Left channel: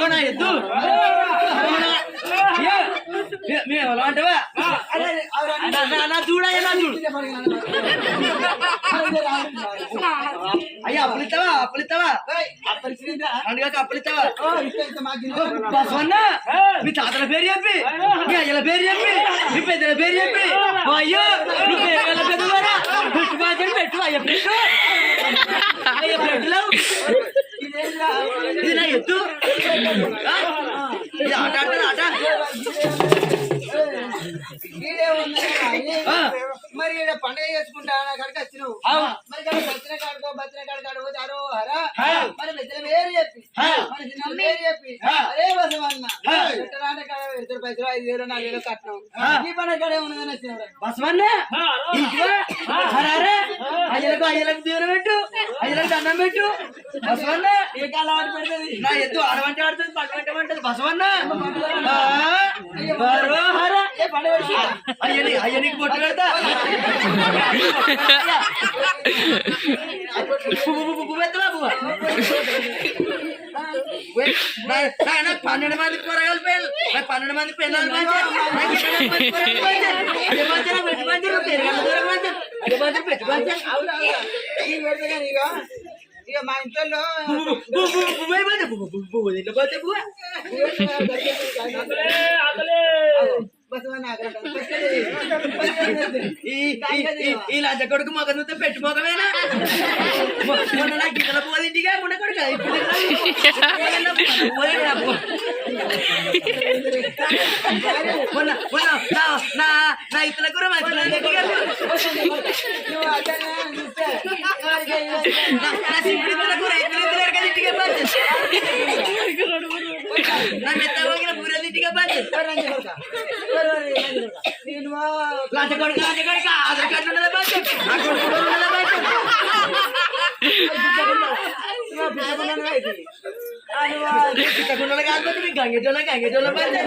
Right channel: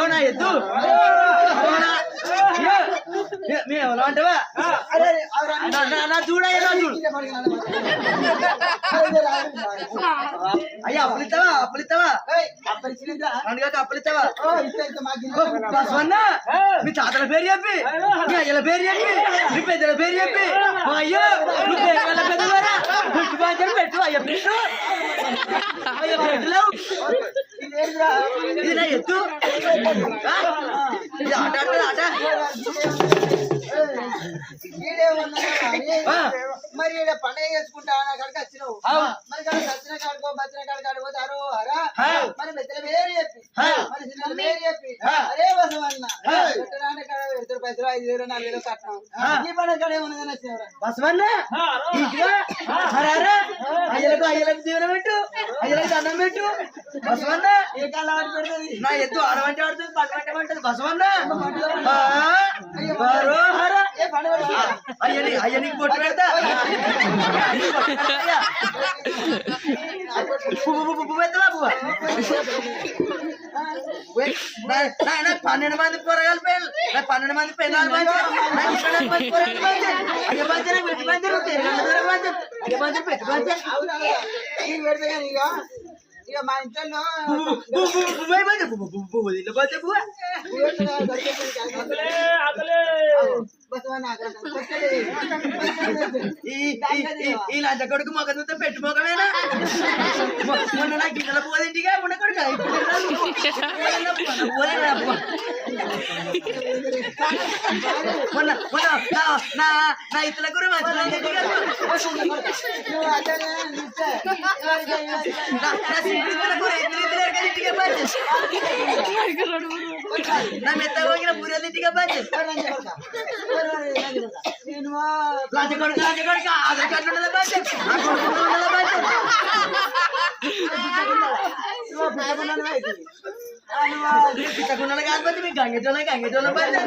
పెడతావా ఎద్దు ఎవరు అంటావా చూడయ్యా చూడు అయ్యా అప్పులిస్తావా అందుకే అప్పులిస్తావా బసవన్న మీ తాతల పేరు చెప్పి మీ అయ్యల పేరు చెప్పి మీ పెద్దల పేరు చెప్పి అయ్యో నువ్వు పేరు పెద్దవారా పెట్టు బాగా పెట్టు అయ్య పెట్టు అయ్య పెట్టులో ఇది నా ఎత్తు ఇది ఆట ఆడుతుంది ఆట మరి పండుగ చేసుకుంటా కాడికి వచ్చినావు మరి సచ్చిన కాడుకో బచ్చిన కాడు పోతే అరో హరా మరి పెద్దల పేరు చెప్పి మరి చిన్న పేరు చెప్పి అరే బసమన్న పెట్టరాంటే కాడ 2 పైసలు 5,000 4,000 కట్నం ఈ పండుగ కాడే ఉన్నదని వచ్చినాడు బసమన్న అయ్యలకు దీవెన పెట్టు అయ్యలకు దండం పెట్టు బసవన్న ఏ కాలం ఆడి పెడుతుంది నా ఎద్దు ఆడమంటే ఆడుతుంది పట్టమంటే బసవన్న అయ్యనికి పొట్టు పెడతా నాకు 12 మంది కూరగాయలు పేరు నాకు 12 మంది పెన్నాలు ఇక మా ఇంట్లో ఈ లంచ కొడుకు మొగ పెట్టు మొగమేనా మొన్న నా గిన్నెల పోదింటిగా మొన్న కొడుకు మొన్న నా ఇతల గురు మంచి నా సింగిల్ కూర ఇతర ఇంటికి నా మెత్త పోగిన పూరలు ఇంటికి పంచి లంచ కొడుకు ఆధార్ కార్డు ఉండదా పంచి నా కొడుకు ఉండదా పంచి పిచ్చకుండలు కాకపోతే మీ గంగెజోళ్ళ పంచి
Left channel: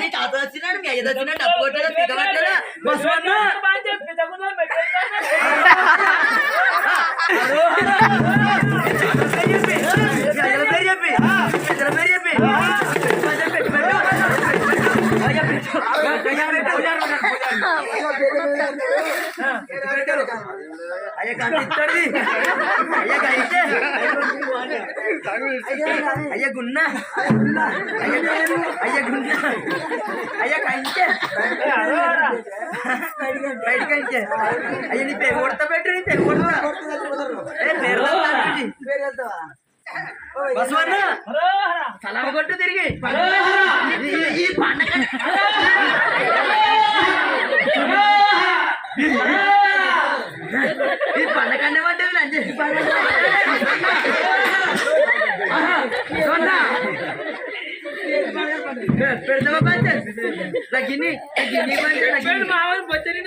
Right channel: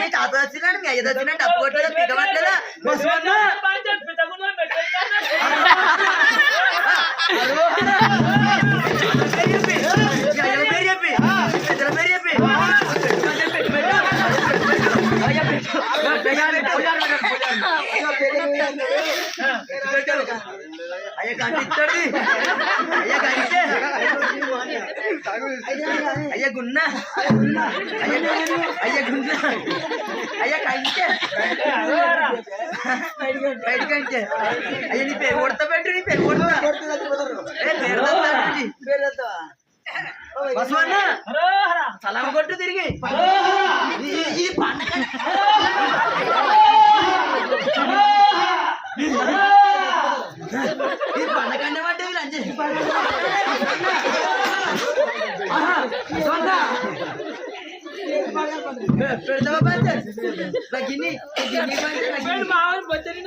మీ తాత వచ్చినాడు మీ అయ్యది వచ్చినా డబ్బు కొట్టదా పిక్కబట్టదా అయ్యా కంటిస్తాడు అయ్యా గున్న అయ్యా కంటే బయట కంటే అయ్యా నీ పేరు కొడతా పెట్టు నీ పేరు కొడతా పేరు బసవన్న సలామ కొట్టు తిరిగి ఈ పండగ ఈ పండగ పడ్డది లంచ్ పెడతావా పంచ గిన్ని పంచ మామూలు బొచ్చని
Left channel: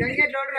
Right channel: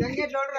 గంగెట్లోడు